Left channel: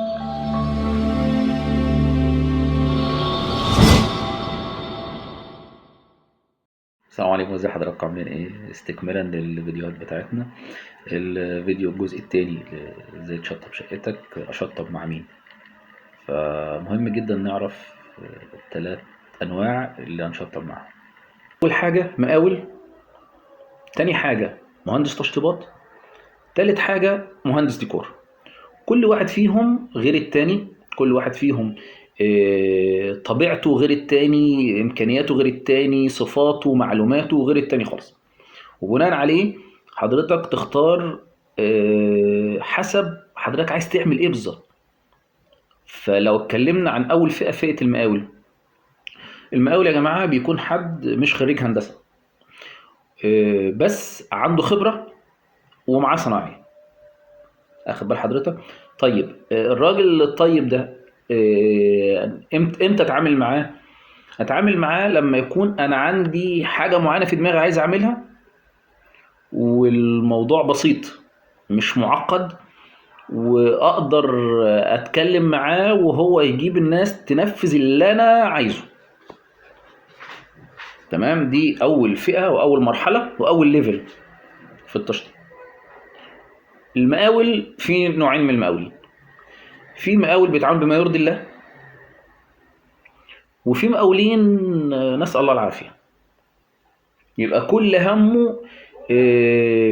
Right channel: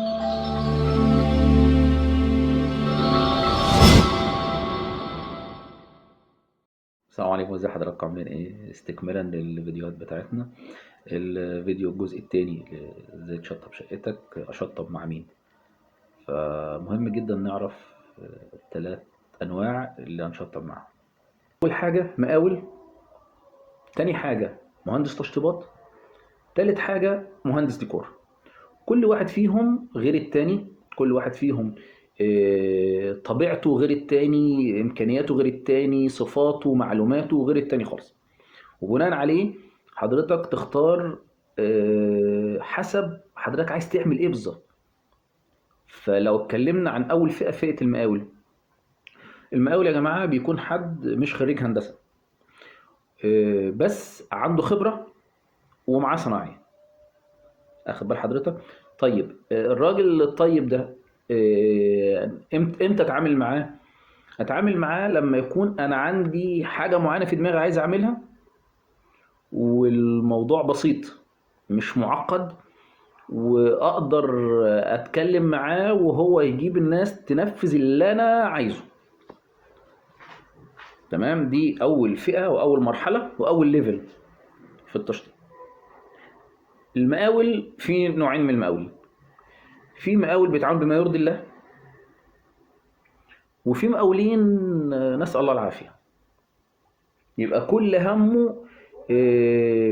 السلام عليكم، ازي حضراتكم؟ عاملين ايه؟ استكمالا للفيديوهات بتاعتنا. الفيديو الجزء التاني ازاي تشطب شقتك، اشطب مع مين. فمهم جدا نعرف الثلاث انواع اللي هنشطب معاهم. اول حاجه مقاول، تاني حاجه مهندس تشطيبات، تالت حاجه مهندس ديكور. كل واحد فيهم غير التاني، كل واحد فيهم طبيعته غير التاني، امكانياته غير التاني، صفاته معلوماته غير التاني خالص. وبناء عليه حضرتك تختار حسب حضرتك عايز تعمل ايه بالظبط. فلو اتكلمنا عن اول فئة، فئة المقاول. المقاول يا جماعة بيكون حد مش خريج هندسة، بس عنده خبرة ومعاه صنايعي. اخد بال حضرتك؟ طيب الراجل الطيب ده امتى اتعامل معاه؟ اتعامل معاه لما يكون انا عندي حاجة معينة في دماغي عايز اعملها، والموضوع بسيط مش معقد، واقدر اتكلم معاه وهو يجيب الناس تنفذ اللي انا عايزه. تمام، دي اول فئة واول مرحلة واول ليفل في التشطيب. المقاول في نوعين من المقاولين. في مقاول بيتعامل بما يرضي الله، وفي مقاولين نسأل الله العافية. يبقى كل همه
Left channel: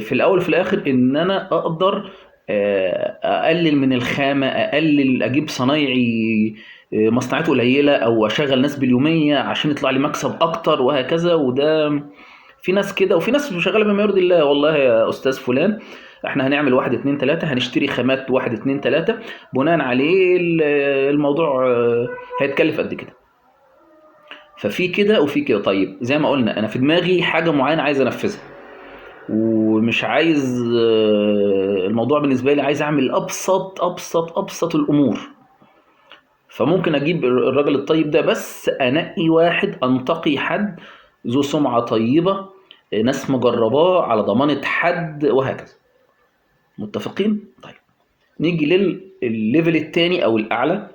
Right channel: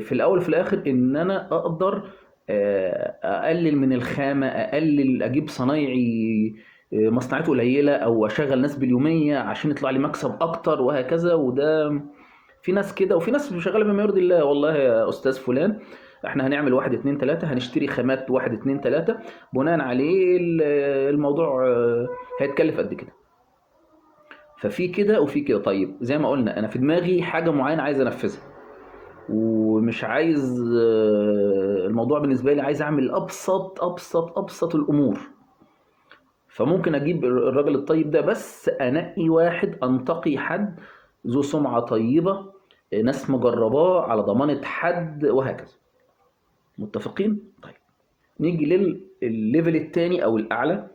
في الاول وفي الاخر ان انا اقدر اقلل من الخامه، اقلل، اجيب صنايعي مصنعاته قليله، او اشغل ناس باليوميه عشان يطلع لي مكسب اكتر، وهكذا. وده في ناس كده، وفي ناس شغاله بما يرضي الله. والله يا استاذ فلان، احنا هنعمل واحد اتنين تلاته، هنشتري خامات واحد اتنين تلاته، بناء عليه الموضوع هيتكلف قد كده. ففي كده وفي كده. طيب زي ما قلنا، انا في دماغي حاجه معينه عايز انفذها، ومش عايز الموضوع بالنسبه لي، عايز اعمل ابسط الامور. فممكن اجيب الراجل الطيب ده، بس انقي واحد، انتقي حد ذو سمعه طيبه، ناس مجرباه على ضمانه حد، وهكذا. متفقين؟ طيب نيجي للليفل الثاني او الاعلى،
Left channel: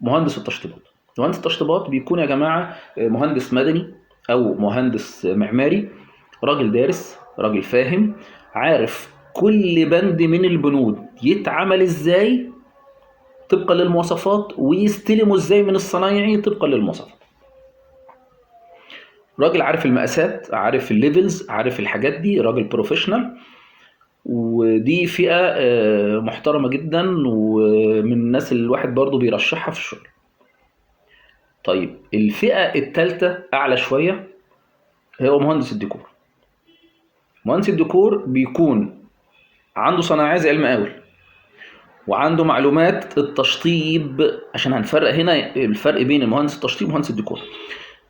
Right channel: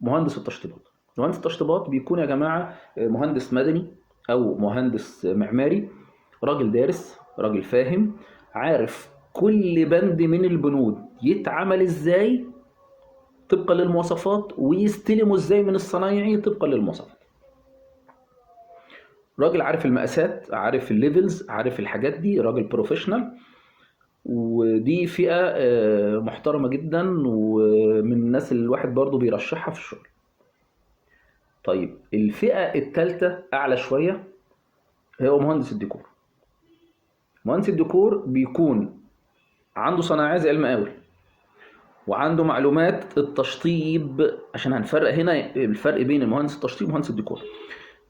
مهندس التشطيبات. مهندس التشطيبات بيكون يا جماعه مهندس مدني او مهندس معماري، راجل دارس، راجل فاهم، عارف كل بند من البنود يتعمل ازاي طبقا للمواصفات، ويستلمه ازاي من الصنايعي طبقا للمواصفات. راجل عارف المقاسات، عارف الليفلز، عارف الحاجات دي، راجل بروفيشنال. ودي فئة محترمة جدا، ومن الناس اللي الواحد برضو بيرشحها في الشغل. طيب الفئة الثالثة أعلى شوية، هو مهندس الديكور. مهندس الديكور بيكون عنده صناعية زي المقاول، وعنده معلومات التشطيب، عشان هنفرق هنا الفرق بين المهندس التشطيب ومهندس الديكور.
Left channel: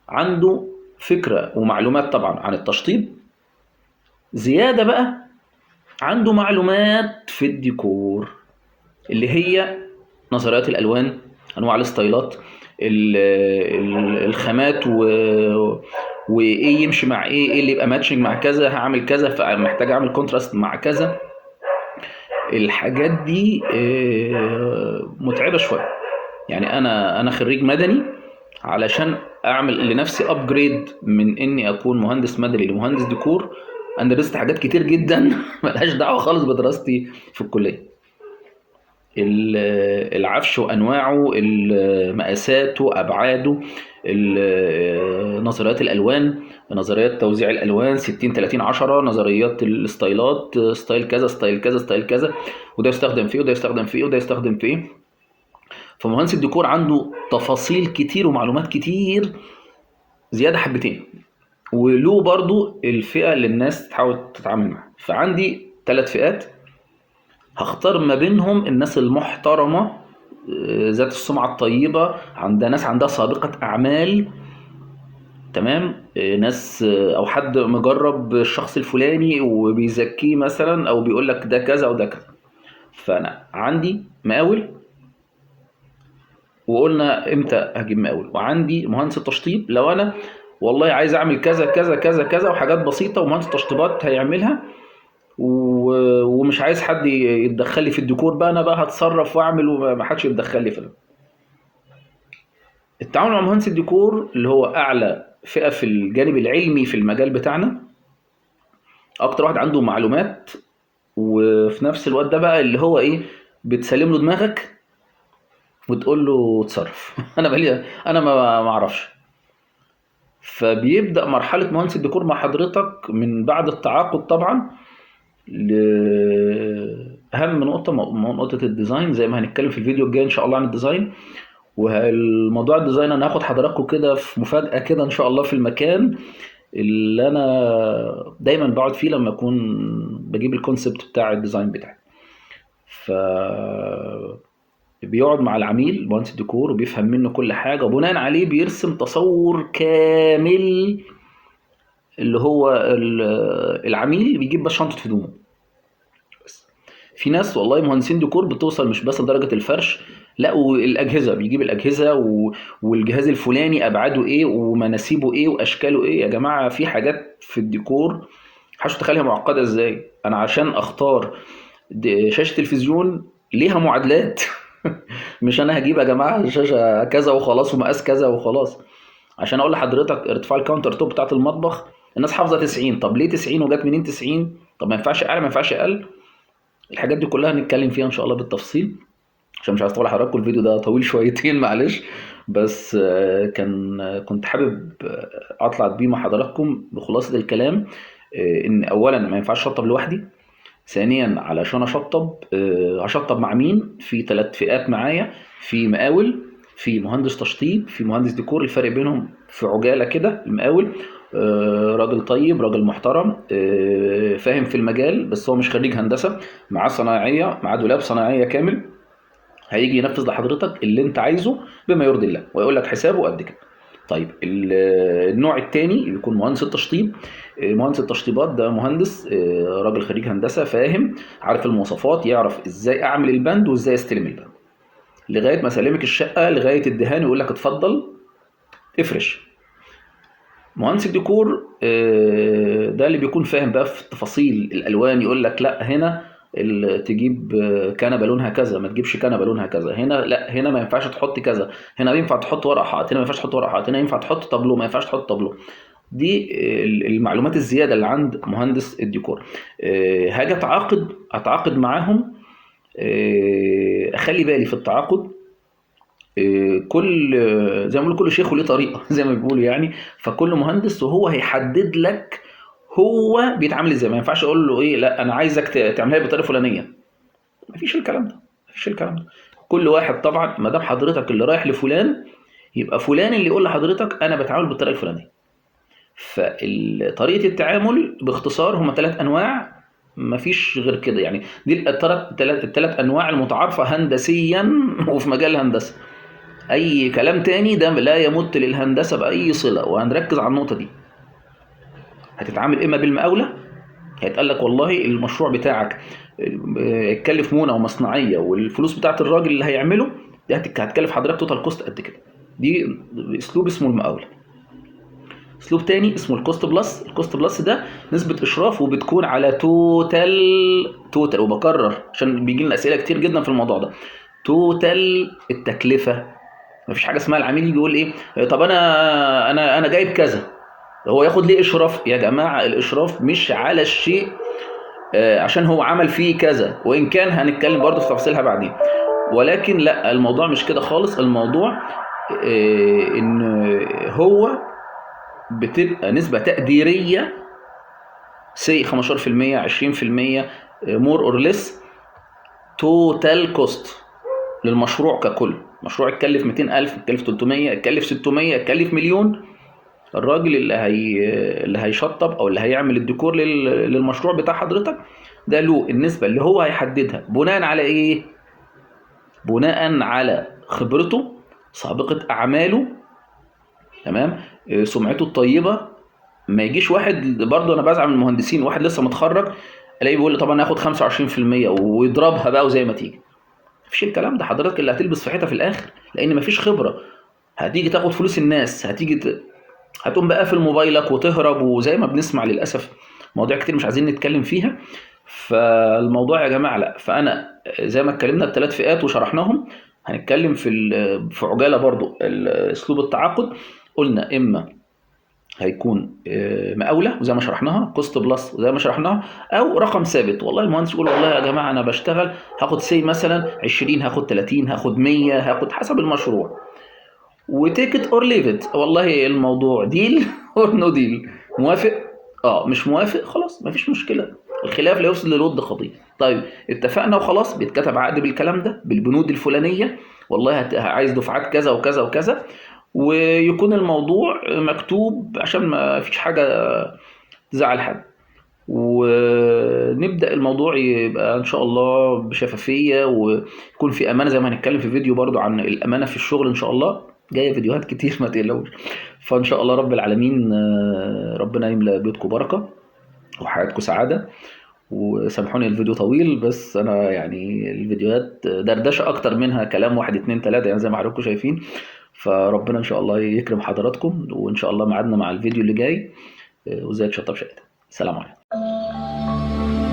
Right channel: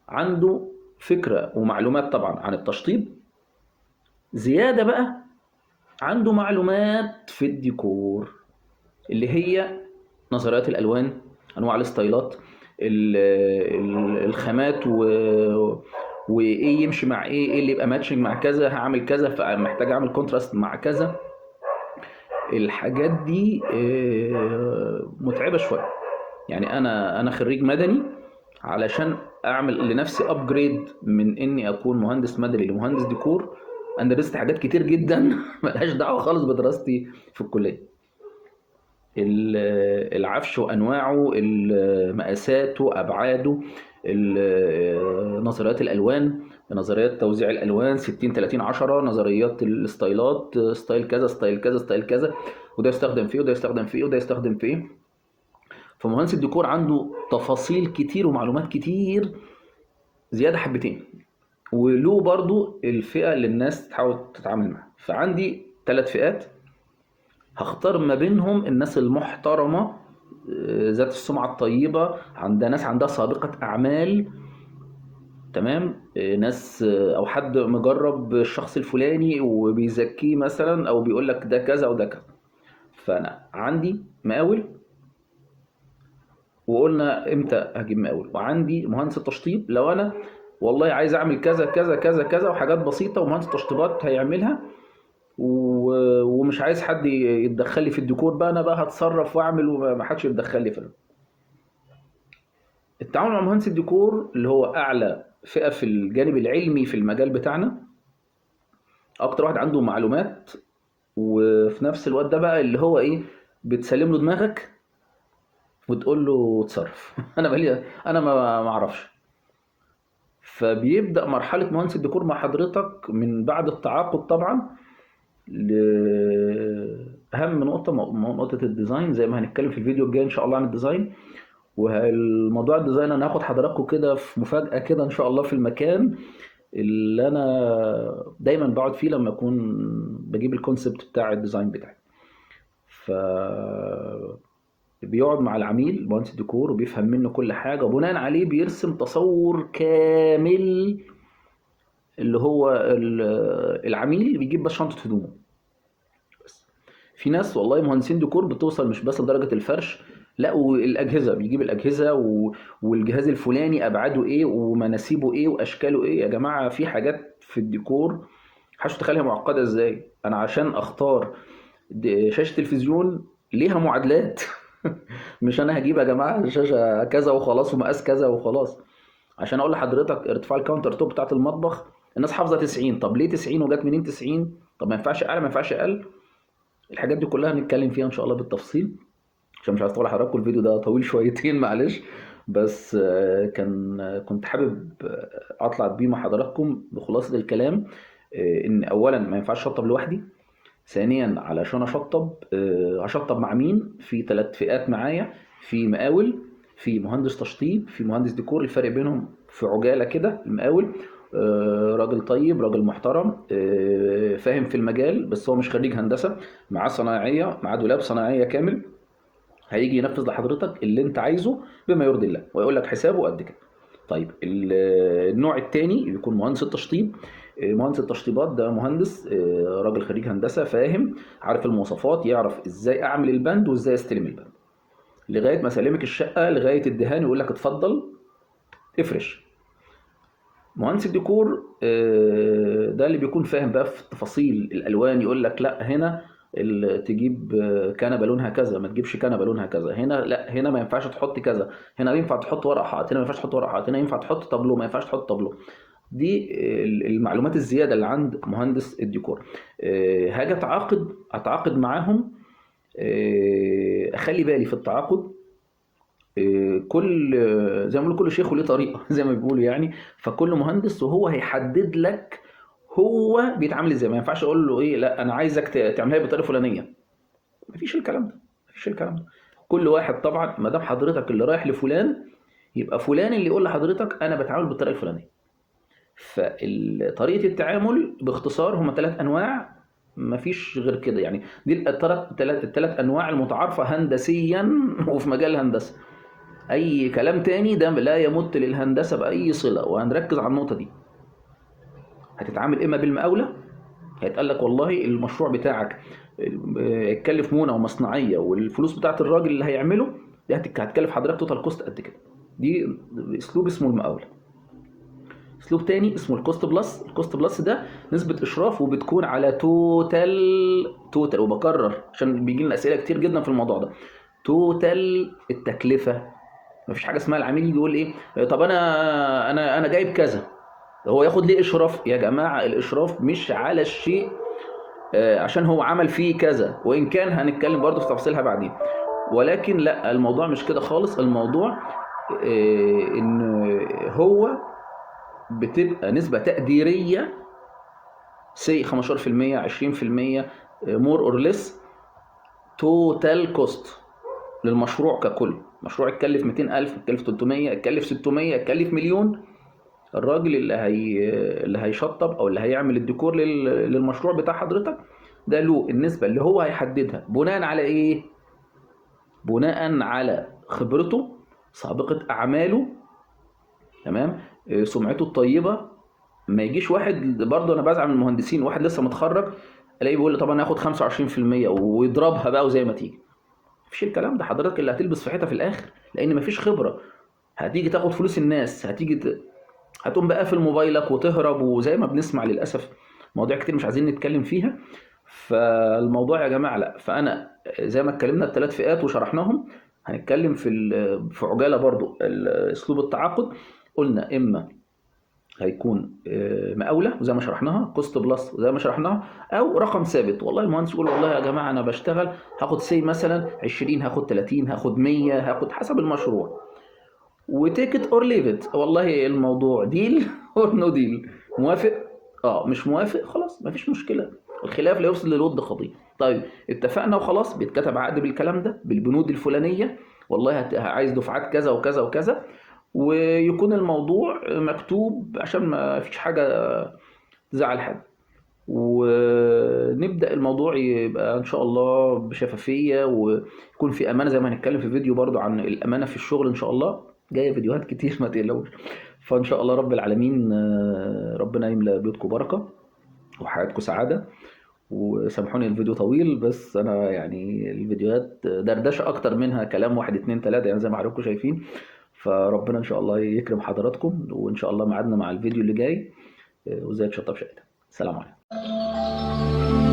عنده فكرة ومعلومات طبعا عن التشطيب، زيادة بقى عنده معلومات في الديكور، اللي هي نظريات الألوان، أنواع الستايلات، الخامات، وايه يمشي مع ايه، ايه اللي يبقى ماتشنج مع كذا، هعمل كذا فمحتاج اعمل كونتراست مع كذا. الحاجات دي متعبة شوية. يعني انا خريج مدني، علشان اعمل لنفسي ابجريد من اني اكون مهندس مدني لمهندس ديكور، انا درست حاجات كتير جدا ملهاش دعوه خالص بدراستي في الكليه. العفش وانواعه، مقاساته، ابعاده، نظريات الالوان، نظريات توزيع الالوان 60 30 10، نظريات الستايلات، ستايل كذا ستايل كذا ستايل كذا، وده يستخدم فيه وده يستخدم فيه وده يستخدم فيه. فمهندس الديكور عنده تفاصيل كتير ومعلومات كتير زياده حبتين، وله برضو الفئه اللي الناس تحاول تتعامل معاها. فعندي ثلاث فئات، هختار ما بينهم الناس المحترمه، ذات السمعه الطيبه، عندها ناس عندها سابقه اعمال. تمام، ناس او حد مجرب الشخص الفلاني وبيزكيه مثلا، او بيقول لك ده كذا وده كذا. فانا عندي مقاول، وقلنا امتى هجيب مقاول، وعندي مهندس التشطيب لو انا والله عايز اعمل كذا كذا كذا كذا وحاجات بسيطه، ومهندس التشطيبات هيعملها. ومش عايز حد يتدخل لي في الديكور بقى، انا بقى هتصرف واعمل وما حدش يتدخل لي في ده. التعامل مع مهندس الديكور اللي هو اعلى فئة في الجانب العلمي في المجال بتاعنا، اكتر واحد عنده معلومات، وفي نفس الوقت ده بقى اللي هو ايه، بتسلم له دماغك وتقول له اتصرف. انا ما اعرفش. فبيبدأ مرحلة مهندس الديكور مع حضرتك من بعد التعاقد طبعا، لأهم نقطة، نقطة الديزاين، زي ما هنتكلم في الفيديو الجاي إن شاء الله عن الديزاين. والموضوع الديزاين أنا هاخد حضراتكم كده في مفاجأة كده إن شاء الله في المكان اللي أنا دايما بقعد فيه لما أكون بجيب الكونسبت بتاع الديزاين بتاعي. ف بيقعد مع العميل مهندس الديكور وبيفهم منه كل حاجة، وبناء عليه بيرسم تصور كامل. اللي هو العميل بيجيب بس شنطة هدوم بس. في ناس والله مهندسين ديكور بتوصل مش بس لدرجة الفرش، لا، والأجهزة بيجيب الأجهزة والجهاز الفلاني أبعاده إيه ومناسيبه إيه وأشكاله إيه. يا جماعة في حاجات في الديكور محدش تخليها معقدة إزاي. أنا عشان أختار شاشة تلفزيون ليها معادلات. مش أنا هجيب يا جماعة شاشة كذا وخلاص ومقاس كذا وخلاص. عشان اقول لحضرتك ارتفاع الكاونتر توب بتاعت المطبخ الناس حافظه 90، طب ليه 90 وجت منين 90؟ طب ما ينفعش اعلى ما ينفعش اقل. الحاجات دي كلها هنتكلم فيها ان شاء الله بالتفصيل، عشان مش عايز اطول حضراتكم، الفيديو ده طويل شويتين معلش. بس كنت حابب اطلع بيه مع حضراتكم بخلاصه الكلام. ان اولا ما ينفعش اشطب لوحدي. ثانيا علشان اشطب هشطب مع مين؟ في 3 فئات معايا: في مقاول، في مهندس تشطيب، في مهندس ديكور. الفرق بينهم في عجالة كده: المقاول راجل طيب، راجل محترم، فاهم في المجال، بس هو مش خريج هندسة، معاه صنايعية، معاه دولاب صنايعية كامل، هيجي ينفذ لحضرتك اللي انت عايزه بما يرضي الله، ويقول لك حسابه قد كده. طيب النوع الثاني بيكون مهندس التشطيب. مهندس التشطيبات ده مهندس راجل خريج هندسه، فاهم، عارف المواصفات، يعرف ازاي اعمل البند وازاي استلم البند، لغايه ما اسلمك الشقه لغايه الدهان يقول لك اتفضل افرش. مهندس الديكور ده اللي بيكون فاهم بقى في تفاصيل الالوان، يقول لك لا هنا تجيب كنبه لونها كذا، ما تجيبش كنبه لونها كذا، هنا لا، هنا ما ينفعش تحط كذا، هنا ينفع تحط ورق حائط، هنا ما ينفعش تحط ورق حائط، هنا ينفع تحط طابلو، ما ينفعش تحط طابلو. دي المعلومات الزياده اللي عند مهندس الديكور. هاجي اتعاقد معاهم، اخلي بالي في التعاقد. كل زي ما بيقولوا كل شيخ وليه طريقه. زي ما بيقولوا يعني. فكل مهندس وهو هيحدد لك هو بيتعامل ازاي. ما ينفعش اقول له ايه، لا انا عايزك تعملها لي بطريقه فلانيه. مفيش الكلام ده، مفيش الكلام ده. كل واحد طبعا ما دام حضرتك اللي رايح لفلان، يبقى فلان اللي يقول لحضرتك انا بتعامل بالطريقه الفلانيه. فطريقه التعامل باختصار هم 3 انواع، مفيش غير كده يعني. دي الثلاث انواع المتعارفه هندسيا وفي مجال الهندسه. اي كلام تاني ده لا يمت للهندسه باي صله، وهنركز على النقطه دي. هتتعامل اما بالمقاوله، هيتقال لك والله المشروع بتاعك اتكلف مونه ومصنعيه، والفلوس بتاعت الراجل اللي هيعمله دي هتكلف حضرتك توتال كوست قد كده. دي اسلوب اسمه المقاوله. اسلوب تاني اسمه الكوست بلس. الكوست بلس ده نسبه اشراف، وبتكون على توتال، وبكرر عشان بيجي لنا اسئله كتير جدا في الموضوع ده. توتال التكلفه. مفيش حاجه اسمها العميل يجي يقول ايه، طب انا جايب كذا، هو ياخد ليه اشراف؟ يا جماعه الاشراف مش على الشيء عشان هو عمل فيه كذا، وان كان هنتكلم برضه في تفاصيلها بعدين، ولكن لا، الموضوع مش كده خالص. الموضوع ان هو بتبقى نسبه تقديريه، سي 15% 20%، مور اور ليس، توتال كوست للمشروع ككل. مشروع اتكلف 200,000، اتكلف 300، اتكلف 600، اتكلف مليون، الراجل اللي هيشطب او اللي هيعمل الديكور للمشروع بتاع حضرتك ده له النسبة اللي هو هيحددها بناء على ايه؟ بناء على خبرته، سابقة اعماله، تمام، سمعته الطيبة. ما يجيش واحد، برضه انا بزعل من المهندسين، واحد لسه متخرج الاقيه بيقول لي طب انا هاخد 25% ويضربها بقى وزي ما تيجي. مفيش الكلام ده. حضرتك اللي هتلبس في حيطه في الاخر، لان مفيش خبره. هتيجي تاخد فلوس الناس، هتقوم بقى قافل موبايلك وتهرب، وزي ما بنسمع للاسف مواضيع كتير مش عايزين نتكلم فيها. فالموضوع يا جماعه لا، فانا زي ما اتكلمنا الثلاث فئات وشرحناهم، هنتكلم في عجاله برضو اسلوب التعاقد. قلنا اما هيكون مقاوله وزي ما شرحناها، كوست بلس وزي ما شرحناها، او رقم ثابت. والله المهندس يقول والله يا جماعه انا بشتغل هاخد سي مثلا 20، هاخد 30، هاخد 100، هاخد حسب المشروع، وتيكت اور ليف. والله الموضوع ديل اور نو ديل، موافق مش موافق خلاص مفيش مشكله، الخلاف لا يفسد للود قضيه. طيب اتفقنا وخلاص، بيتكتب عقد بالكلام ده بالبنود الفلانيه، والله عايز دفعات كذا وكذا وكذا، ويكون الموضوع مكتوب عشان ما فيش حاجه تزعل حد، ونبدأ الموضوع يبقى إن شاء الله بشفافية، ويكون في أمانة زي ما هنتكلم في فيديو برضو عن الأمانة في الشغل إن شاء الله، جاية فيديوهات كتير ما تقلقوش. فإن شاء الله رب العالمين ربنا يملأ بيوتكم بركة وحياتكم سعادة. وسامحوني الفيديو طويل، بس أنا يعني الفيديوهات دردشة أكتر منها كلام واحد اتنين تلاتة يعني زي ما حضراتكم شايفين. فربنا إن شاء الله يكرم حضراتكم، وإن شاء الله ميعادنا مع الفيديو اللي جاي. وإزاي تشطب شقتك. سلام عليكم.